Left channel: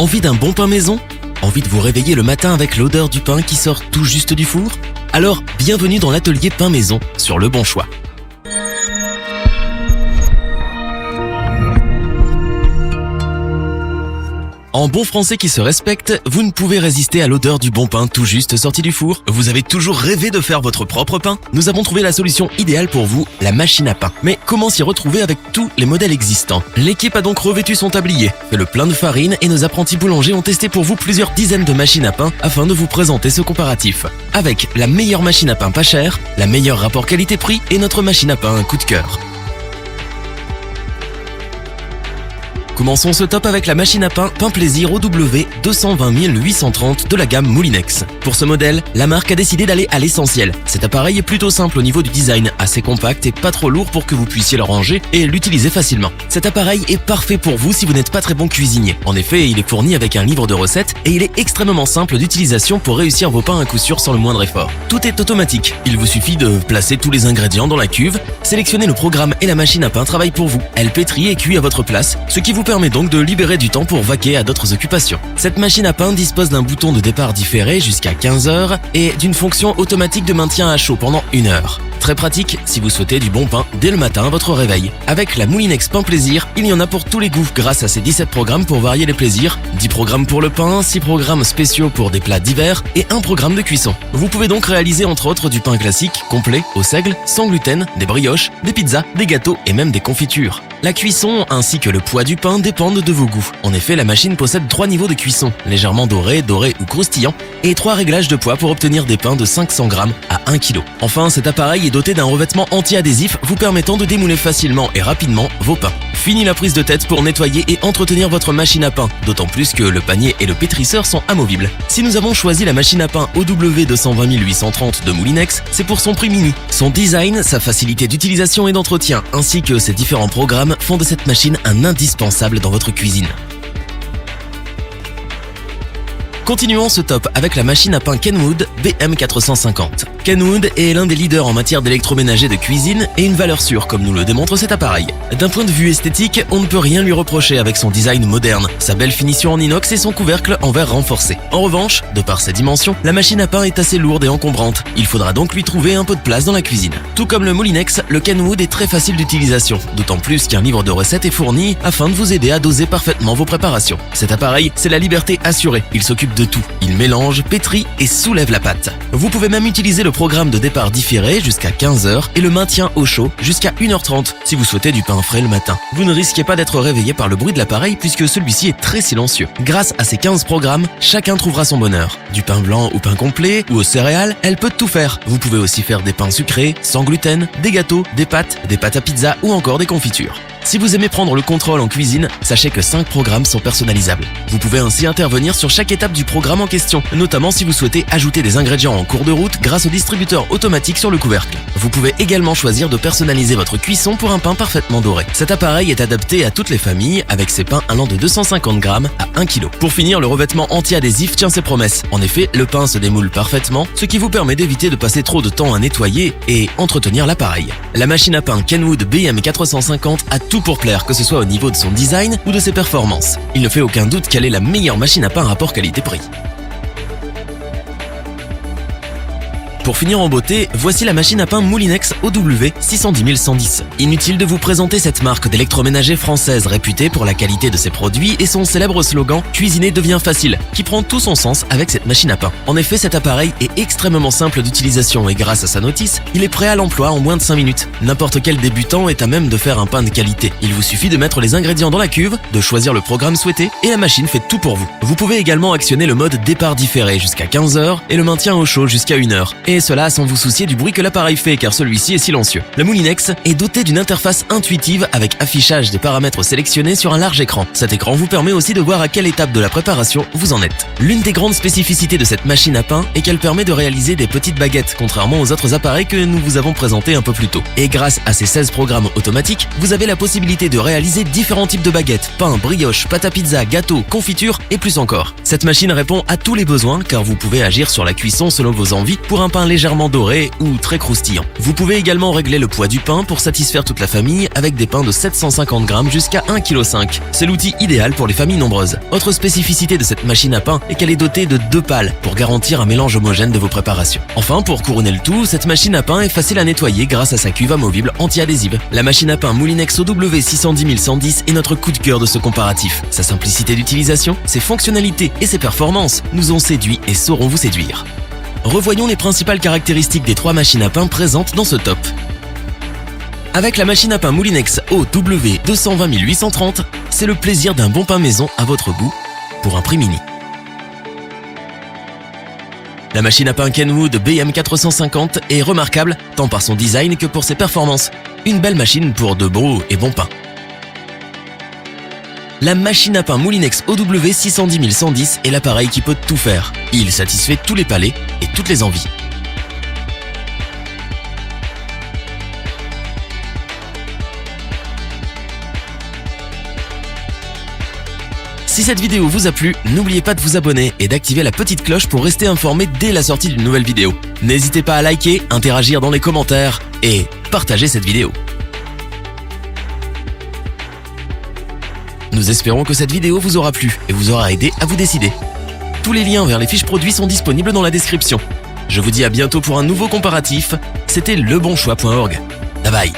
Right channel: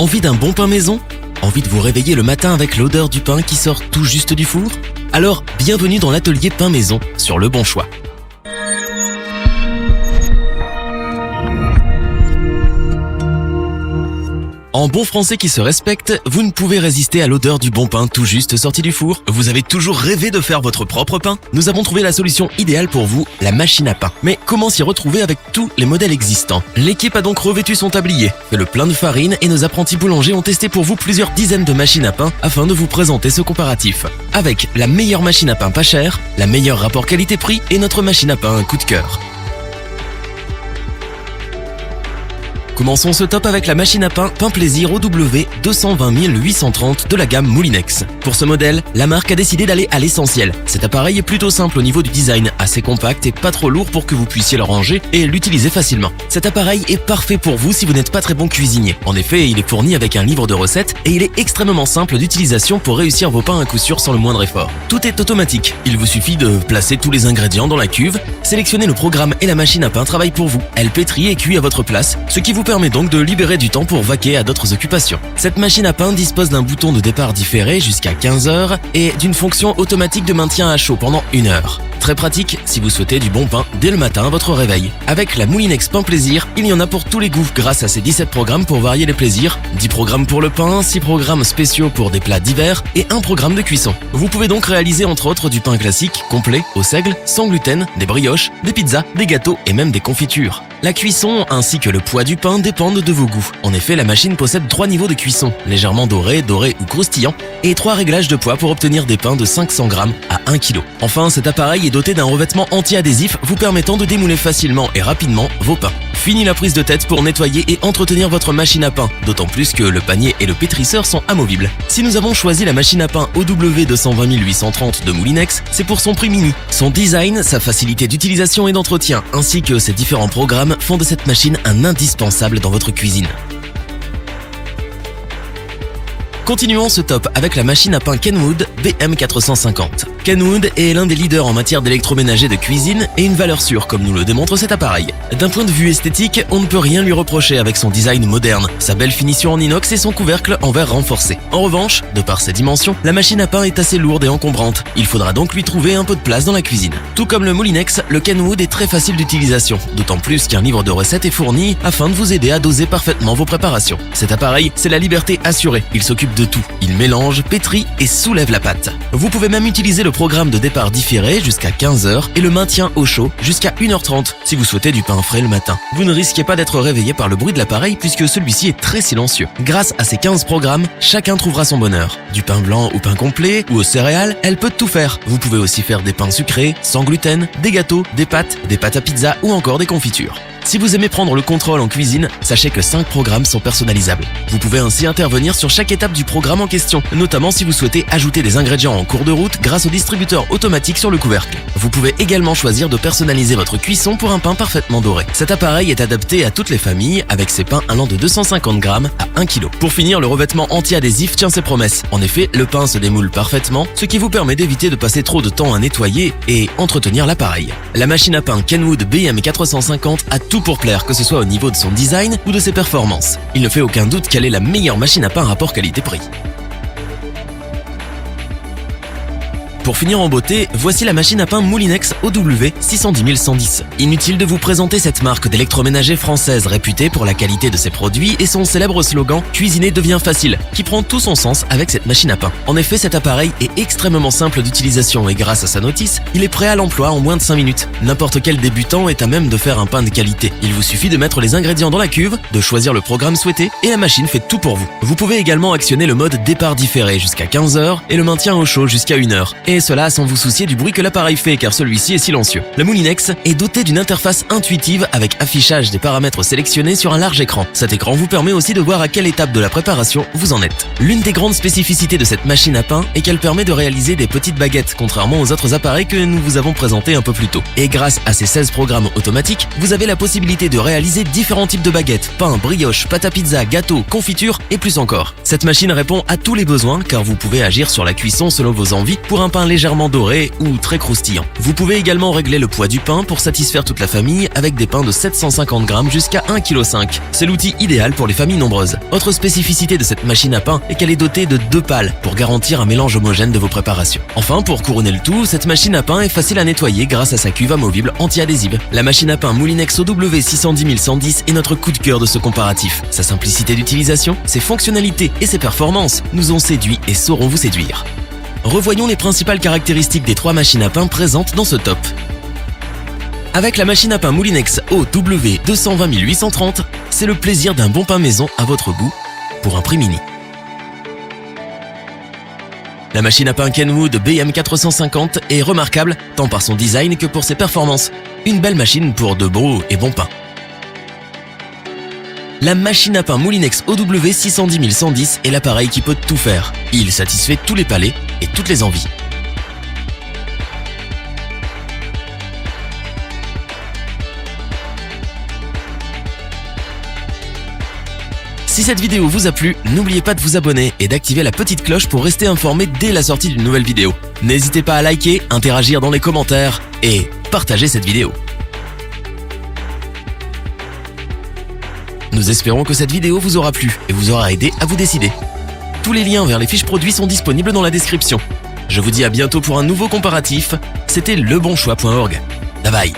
Envie d'un bon pain maison? Envie de vous réveiller le matin avec l'odeur du pain qui sort tout juste du four? Alors, bienvenue dans l'atelier Pain Maison sur Le Bon Choix. En bon français qui se respecte, vous ne pouvez résister à l'odeur du bon pain tout juste sorti du four. Vous avez toujours rêvé de faire votre propre pain? Nous avons trouvé la solution idéale pour vous, la machine à pain. Mais comment s'y retrouver avec tous les modèles existants? L'équipe a donc revêtu son tablier, fait le plein de farine et nos apprentis boulangers ont testé pour vous plusieurs dizaines de machines à pain afin de vous présenter ce comparatif. Avec la meilleure machine à pain pas chère, la meilleure rapport qualité-prix et notre machine à pain un coup de cœur. Commençons ce top avec la machine à pain Pain Plaisir OW 220830 de la gamme Moulinex. Pour ce modèle, la marque a décidé d'aller à l'essentiel. Cet appareil est plutôt simple au niveau du design, assez compact et pas trop lourd pour que vous puissiez le ranger et l'utiliser facilement. Cet appareil est parfait pour vous si vous n'êtes pas très bon cuisinier. En effet, il est fourni avec un livre de recettes et il est extrêmement simple d'utilisation pour réussir vos pains à coup sûr sans le moindre effort. Tout est automatique. Il vous suffit de placer tous les ingrédients dans la cuve, sélectionner le programme et la machine à pain travaille pour vous. Elle pétrit et cuit à votre place, ce qui vous permet donc de libérer du temps pour vaquer à d'autres occupations. Cette machine à pain dispose d'un bouton de départ différé jusqu'à 15 heures et d'une fonction automatique de maintien à chaud pendant 1 heure. Très pratique si vous souhaitez du bon pain dès le matin à votre réveil. Avec la Moulinex Pain Plaisir, il y en a pour tous les goûts grâce à ces 17 programmes pour varier les plaisirs, 10 programmes pour le pain, 6 programmes spéciaux pour des plats divers et 1 programme de cuisson. Vous pouvez donc réaliser entre autres du pain classique, complet, au seigle, sans gluten, des brioches, des pizzas, des gâteaux et même des confitures. La cuisson ainsi que le poids du pain dépendent de vos goûts. En effet, la machine possède 3 niveaux de cuisson, légèrement doré ou croustillant, et 3 réglages de poids pour obtenir des pains de 500 grammes à 1 kg. Enfin, cet appareil est doté d'un revêtement anti-adhésif vous permettant de démouler facilement et rapidement vos pains. Fini la prise de tête pour nettoyer et entretenir votre machine à pain, d'autant plus que le panier et le pétrisseur sont amovibles. Si nous avons choisi la machine à pain OW 220830 de Moulinex, c'est pour son prix mini. Son design, sa facilité d'utilisation et d'entretien, ainsi que ses différents programmes font de cette machine un indispensable dans votre cuisine. Continuons ce top avec la machine à pain Kenwood BM450. Kenwood est l'un des leaders en matière d'électroménager de cuisine et une valeur sûre comme nous le démontre cet appareil. D'un point de vue esthétique, on ne peut rien lui reprocher avec son design moderne, sa belle finition en inox et son couvercle en verre renforcé. En revanche, de par ses dimensions, la machine à pain est assez lourde et encombrante. Il faudra donc lui trouver un peu de place dans la cuisine. Tout comme le Moulinex, le Kenwood est très facile d'utilisation, d'autant plus qu'un livre de recettes est fourni afin de vous aider à doser parfaitement vos préparations. Cet appareil, c'est la liberté assurée. Il s'occupe de tout. Il mélange, pétrit et soulève la pâte. Vous pouvez même utiliser le programme de départ différé jusqu'à 15 heures et le maintien au chaud jusqu'à 1h30 si vous souhaitez du pain frais le matin. Vous ne risquez pas d'être réveillé par le bruit de l'appareil puisque celui-ci est très silencieux. Grâce à ces 15 programmes, chacun trouvera son bonheur. Du pain blanc ou pain complet ou aux céréales, elle peut tout faire. Vous pouvez aussi faire des pains sucrés, sans gluten, des gâteaux, des pâtes à pizza ou encore des confitures. Si vous aimez prendre le contrôle en cuisine, sachez que 5 programmes sont personnalisables. Vous pouvez ainsi intervenir sur chaque étape du programme en question, notamment si vous souhaitez ajouter des ingrédients en cours de route grâce au distributeur automatique sur le couvercle. Vous pouvez également choisir de personnaliser votre cuisson pour un pain parfaitement doré. Cet appareil est adapté à toutes les familles avec ses pains allant de 250 grammes à 1 kg. Pour finir, le revêtement anti-adhésif tient ses promesses. En effet, le pain se démoule parfaitement, ce qui vous permet d'éviter de passer trop de temps à nettoyer et entretenir l'appareil. La machine à pain Kenwood BM450 a tout pour plaire, que ce soit au niveau de son design ou de ses performances. Il ne fait aucun doute qu'elle est la meilleure machine à pain rapport qualité-prix. Pour finir en beauté, voici la machine à pain Moulinex OW 610110. Inutile de vous présenter cette marque d'électroménager française réputée pour la qualité de ses produits et son célèbre slogan « Cuisiner devient facile » qui prend tout son sens avec cette machine à pain. En effet, cet appareil est extrêmement simple d'utilisation et grâce à sa notice, il est prêt à l'emploi en moins de 5 minutes. N'importe quel débutant est à même de faire un pain de qualité. Il vous suffit de mettre les ingrédients dans la cuve, de choisir le programme souhaité et la machine fait tout pour vous. Vous pouvez également actionner le mode départ différé jusqu'à 15 heures et le maintien au chaud jusqu'à 1 heure. Et cela sans vous soucier du bruit que l'appareil fait car celui-ci est silencieux. Le Moulinex est doté d'une interface intuitive avec affichage des paramètres sélectionnés sur un large écran. Cet écran vous permet aussi de voir à quelle étape de la préparation vous en êtes. L'une des grandes spécificités de cette machine à pain est qu'elle permet de réaliser des petites baguettes, contrairement aux autres appareils que nous vous avons présentés un peu plus tôt. Et grâce à ces 16 programmes automatiques, vous avez la possibilité de réaliser différents types de baguettes, pain, brioche, pâte à pizza, gâteau, confiture et plus encore. faire. Cette machine répond à tous les besoins car vous pouvez agir sur la cuisson selon vos envies pour un pain légèrement doré ou très croustillant. Vous pouvez également régler le poids du pain pour satisfaire toute la famille avec des pains de 750 grammes jusqu'à 1,5 kg. C'est l'outil idéal pour les familles nombreuses. Autre spécificité de cette machine à pain est qu'elle est dotée de 2 pales pour garantir un mélange homogène de vos préparations. Enfin, pour couronner le tout, cette machine à pain est facile à nettoyer grâce à sa cuve amovible anti-adhésive. La machine à pain Moulinex OW610110 est notre coup de cœur de ce comparatif. Sa simplicité d'utilisation, ses fonctionnalités et ses performances nous ont séduits et sauront vous séduire. Revoyons les principales caractéristiques des 3 machines à pain présentes dans ce top. Avec la machine à pain Moulinex OW220830, c'est le plaisir d'un bon pain maison à votre goût pour un prix mini. La machine à pain Kenwood BM450 est remarquable tant par son design que pour ses performances. Une belle machine pour de bons et bons pains. La machine à pain Moulinex OW610110 est l'appareil qui peut tout faire. Il satisfait tous les palais et toutes les envies. Si cette vidéo vous a plu, n'oubliez pas de vous abonner et d'activer la petite cloche pour rester informé dès la sortie d'une nouvelle vidéo. N'hésitez pas à liker, interagir dans les commentaires et partager cette vidéo. Nous espérons que cette vidéo vous aura plu et vous aura aidé à vous décider. Tous les liens vers les fiches produits sont disponibles dans la description. Je vous dis à bientôt pour un nouveau comparatif. C'était lebonchoix.org. Bye bye.